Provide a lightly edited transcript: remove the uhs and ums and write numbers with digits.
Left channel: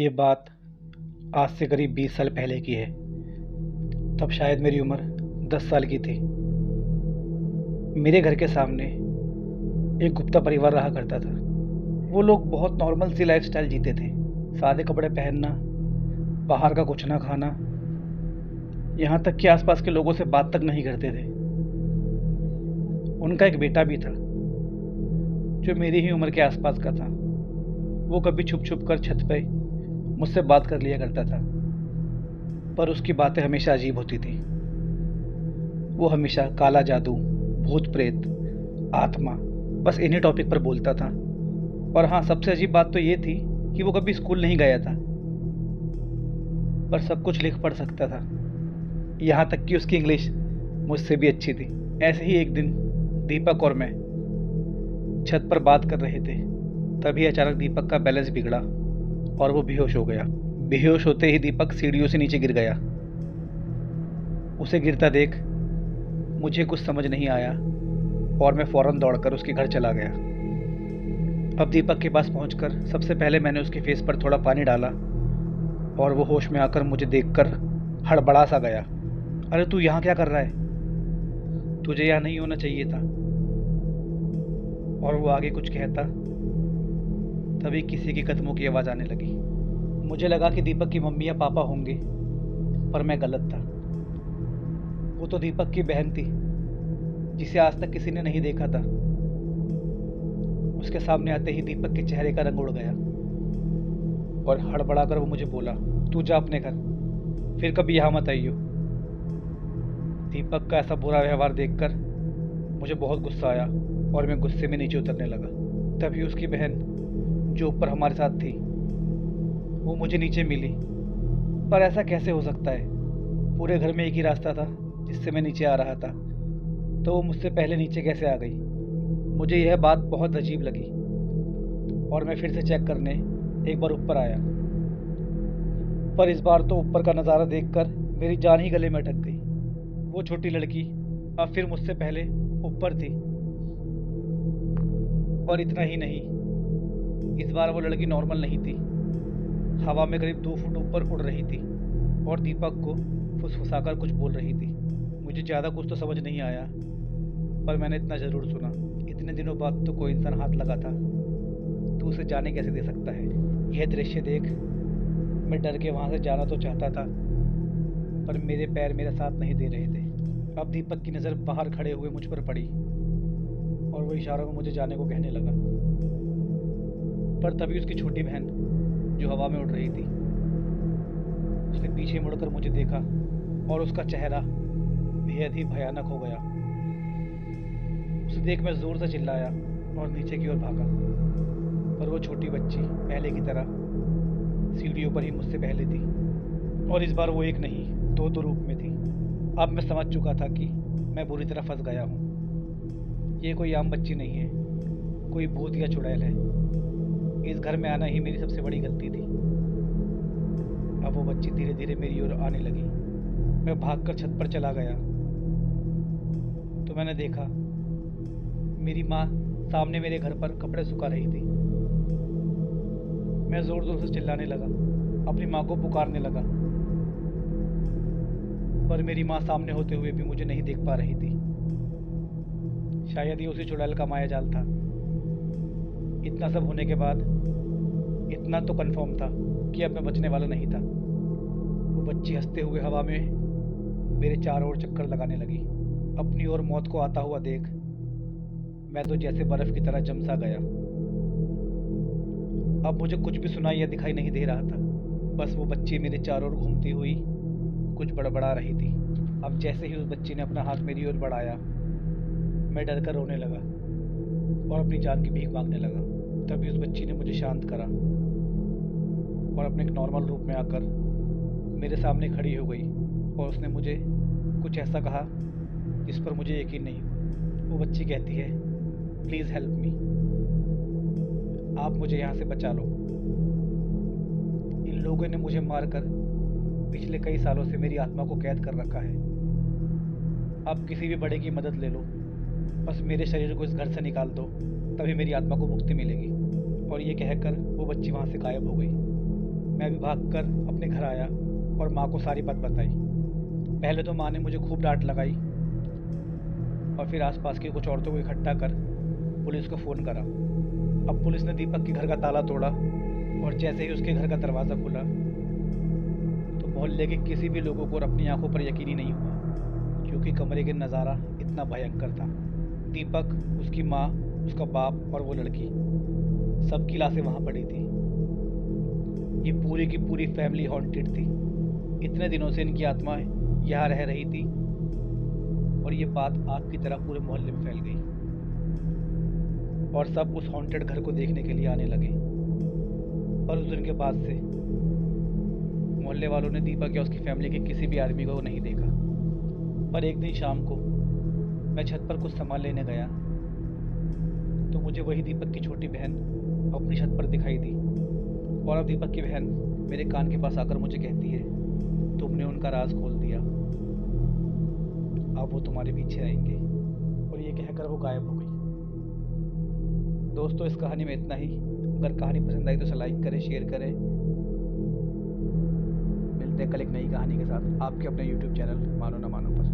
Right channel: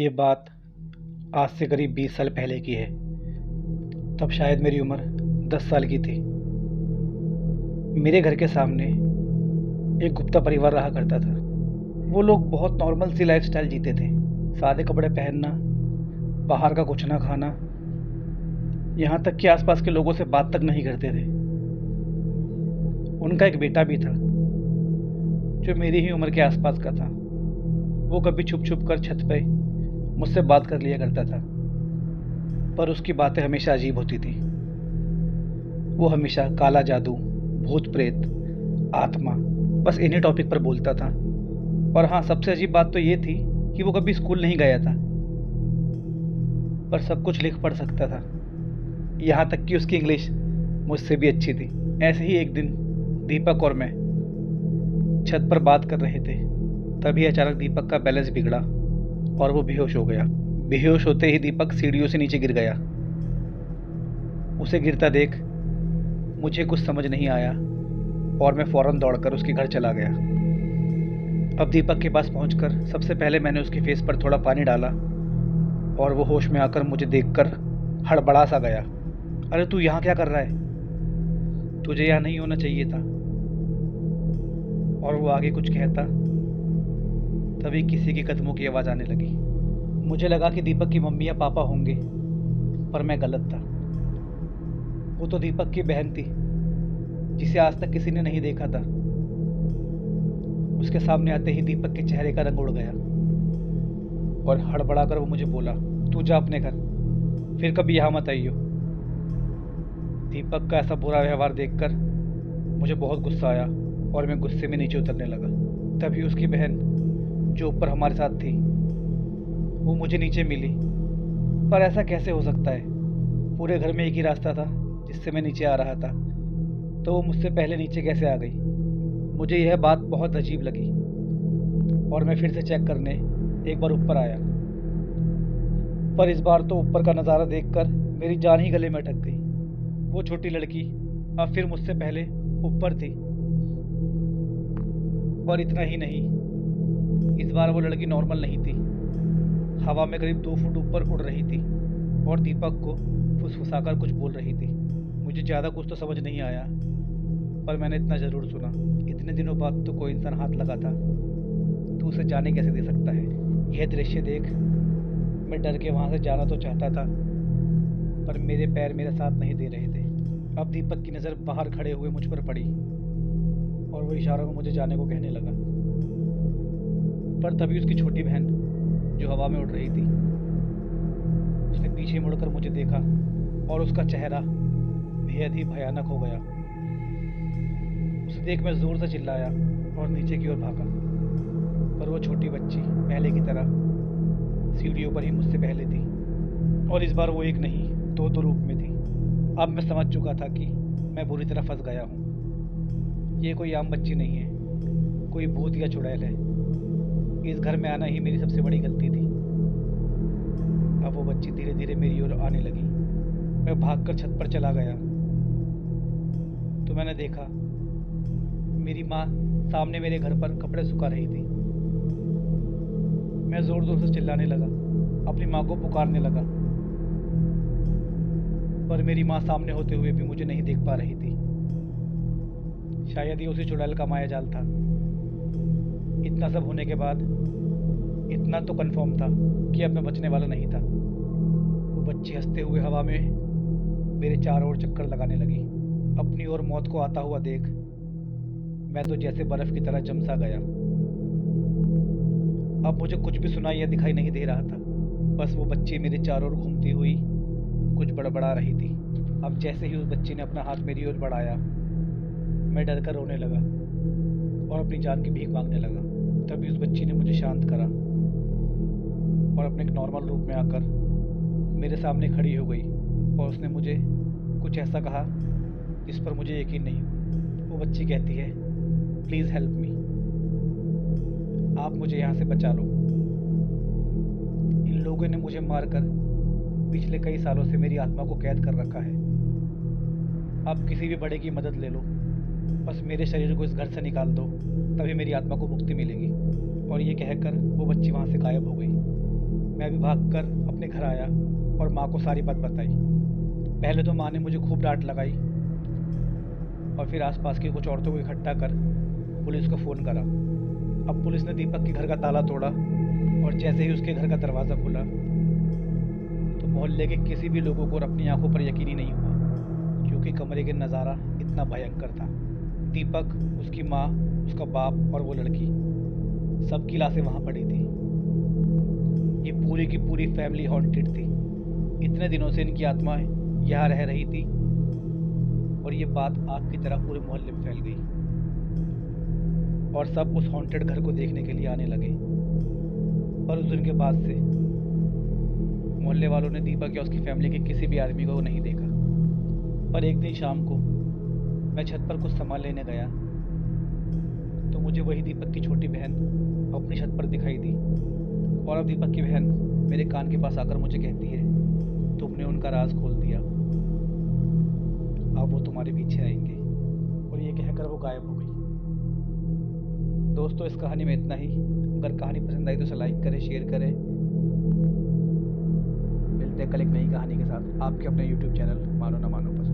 ये बात आज से करीब 20 साल पहले की है। तब शायद मेरी उम्र 10 साल की थी। मेरे घर के सामने एक गुप्ता परिवार रहा करता था। वो लोग बहुत नॉर्मल सी लाइफस्टाइल जीते थे। सादे कपड़े पहनना, बाहर का कुछ ना खाना, यहाँ तक कि आसपास के लोगों से बात तक नहीं करते थे। उनका एक बेटा भी था जो मेरी ही उम्र के आसपास का था। वो कभी छुप छुप कर छत पे मुझसे बात कर लिया करता था, पर उसकी बातें हमेशा अजीब होती थी। वो हमेशा काला जादू, भूत प्रेत, आत्मा, बस इन्हीं टॉपिक पर बोलता था। और हाँ, सबसे अजीब बात तो ये थी कि वो कभी स्कूल नहीं गया था, पर सब कुछ लिख पढ़ सकता था। यहाँ तक कि उसकी इंग्लिश मुझसे भी अच्छी थी। ऐसे ही एक दिन दीपक और मैं छत पर बात कर रहे थे। तभी अचानक दीपक का बैलेंस बिगड़ा और वो बेहोश हो गया। बेहोश होते ही दीपक सीढ़ियों से नीचे गिर गया। उसे गिरता देख मुझे कुछ समझ नहीं आया और मैं फौरन दौड़कर उसके घर चला गया। अब दीपक के पास पहुंचकर सबसे पहले मैंने उसके फेस पर थोड़ा पानी डाला और वो होश में आकर मुझे देखकर हड़बड़ा सा गया। अरे तू यहाँ क्या कर रहा है? तुझे यहाँ नहीं होना चाहिए था। और वो आगे कुछ कहता, तभी किसी के कदमों की आवाज़ आने लगी। मुझे लगा कि दीपक की मम्मी या पापा होंगे, पर मैं गलत था। वो तो दीपक की बहन थी, जिसे आज तक किसी ने नहीं देखा था। उसके सामने आते ही दीपक के चेहरे का रंग उड़ गया और हड़बड़ा कर वो मुझे बोला, तू जा अपने घर, फिर कभी यहाँ मत आइयो। दीपक का ऐसा बुरा व्यवहार देखकर मुझे बहुत गुस्सा आया और मैं गुस्से में नीचे उतरने लगा। तभी उसकी बहन, जो ऊपर हमारे साथ थी, वो मुझे नीचे मिली। पर ऐसा कैसे हो सकता है? पूरे घर में एक ही रास्ता था जिससे मैं नीचे आ रहा था, तो वो मुझसे पहले नीचे कैसे आ गई? मुझे यह बात बहुत अजीब लगी और मैं फिर से चेक करने एक बार ऊपर आया। पर इस बार तो ऊपर का नज़ारा देखकर मेरी जान ही गले में अटक गई। वो छोटी लड़की अब फिर मुझसे पहले ऊपर थी। और इतना ही नहीं, इस बार वो लड़की नॉर्मल नहीं थी, हवा में करीब 2 फुट ऊपर उड़ रही थी और दीपक को फुसफुसाकर कुछ बोल रही थी। मुझे ज़्यादा कुछ तो समझ नहीं आया, पर मैंने इतना ज़रूर सुना, इतने दिनों बाद तो कोई इंसान हाथ लगा था, तू उसे जाने कैसे दे सकता है? यह दृश्य देख मैं डर के वहाँ से जाना तो चाहता था, पर मेरे पैर मेरा साथ नहीं दे रहे थे। अब दीपक की नज़र बाहर खड़े हुए मुझ पर पड़ी और वो इशारों में मुझे जाने को कहने लगा। पर तभी उसकी छोटी बहन, जो हवा में उड़ रही थी, उसने पीछे मुड़कर मुझे देखा और उसका चेहरा बेहद ही भयानक हो गया। उसे देख मैं जोर से चिल्लाया और नीचे की ओर भागा। पर वो छोटी बच्ची पहले की तरह सीढ़ियों पर ही मुझसे पहले थी और इस बार वो एक नहीं, दो रूप में थी। अब मैं समझ चुका था कि मैं बुरी तरह फंस गया हूँ। ये कोई आम बच्ची नहीं है, कोई भूत या चुड़ैल है। इस घर में आना ही मेरी सबसे बड़ी गलती थी। अब वो बच्ची धीरे धीरे मेरी ओर आने लगी। मैं भागकर छत पर चला गया तो मैंने देखा मेरी माँ सामने मेरे घर पर कपड़े सुखा रही थी। मैं जोर जोर से चिल्लाने लगा, अपनी माँ को पुकारने लगा, पर मेरी माँ सामने होते हुए भी मुझे नहीं देख पा रही थी। शायद ये उसी चुड़ैल का माया जाल था। इतना सब होने के बाद इतना तो कंफर्म था कि अब मैं बचने वाला नहीं था। वो बच्ची हंसते हुए हवा में मेरे चारों ओर चक्कर लगाने लगी। अपनी ओर मौत को आता हुआ देख मैं तो जैसे बर्फ की तरह जम सा गया। अब मुझे कुछ भी सुनाई या दिखाई नहीं दे रहा था, बस वो बच्ची मेरे चारों ओर घूमती हुई कुछ बड़बड़ा रही थी। अब जैसे ही उस बच्ची ने अपना हाथ मेरी ओर बढ़ाया, मैं डर कर रोने लगा और अपनी जान की भीख मांगने लगा। तभी उस बच्ची ने मुझे शांत करा और अपने एक नॉर्मल रूप में आकर मेरे सामने खड़ी हो गई और उसने मुझे कुछ ऐसा कहा जिस पर मुझे यकीन नहीं हुआ। वो बच्ची कहती है, प्लीज़ हेल्प मी, आप मुझे यहाँ से बचा लो। इन लोगों ने मुझे मारकर पिछले कई सालों से मेरी आत्मा को कैद कर रखा है। आप किसी भी बड़े की मदद ले लो, बस मेरे शरीर को इस घर से निकाल दो, तभी मेरी आत्मा को मुक्ति मिलेगी। और ये कहकर वो बच्ची वहाँ से गायब हो गई। मैं भी भागकर अपने घर आया और माँ को सारी बात बताई। पहले तो माँ ने मुझे खूब डांट लगाई और फिर आसपास की कुछ औरतों को इकट्ठा कर पुलिस को फ़ोन करा। अब पुलिस ने दीपक के घर का ताला तोड़ा और जैसे ही उसके घर का दरवाज़ा खुला तो मोहल्ले के किसी भी लोगों को अपनी आंखों पर यकीन ही नहीं हुआ, क्योंकि कमरे के नज़ारा इतना भयंकर था। दीपक, उसकी माँ, उसका बाप और वो लड़की, सबकी लाशें वहाँ पड़ी थी। ये पूरी की पूरी फैमिली हॉन्टेड थी। इतने दिनों से इनकी आत्मा यहाँ रह रही थी और ये बात आग की तरह पूरे मोहल्ले में फैल गई और सब उस हॉन्टेड घर को देखने के लिए आने लगे। पर उस दिन के बाद से मोहल्ले वालों ने दीपक या उसकी फैमिली के किसी भी आदमी को नहीं देखा। पर एक दिन शाम को मैं छत पर कुछ सामान लेने गया तो मुझे वही दीपक की छोटी बहन अपनी छत पर दिखाई दी। और अब दीपक की बहन मेरे कान के पास आकर मुझे कहती है, तुमने उनका राज खोल दिया, अब वो तुम्हारे पीछे आएंगे। और ये कहकर वो गायब हो गई। दोस्तों, इस कहानी में इतना ही। अगर कहानी पसंद आई तो इसे लाइक करें, शेयर करें। मिलते हैं कल एक नई कहानी के साथ आपके अपने यूट्यूब चैनल मानो ना मानो पर।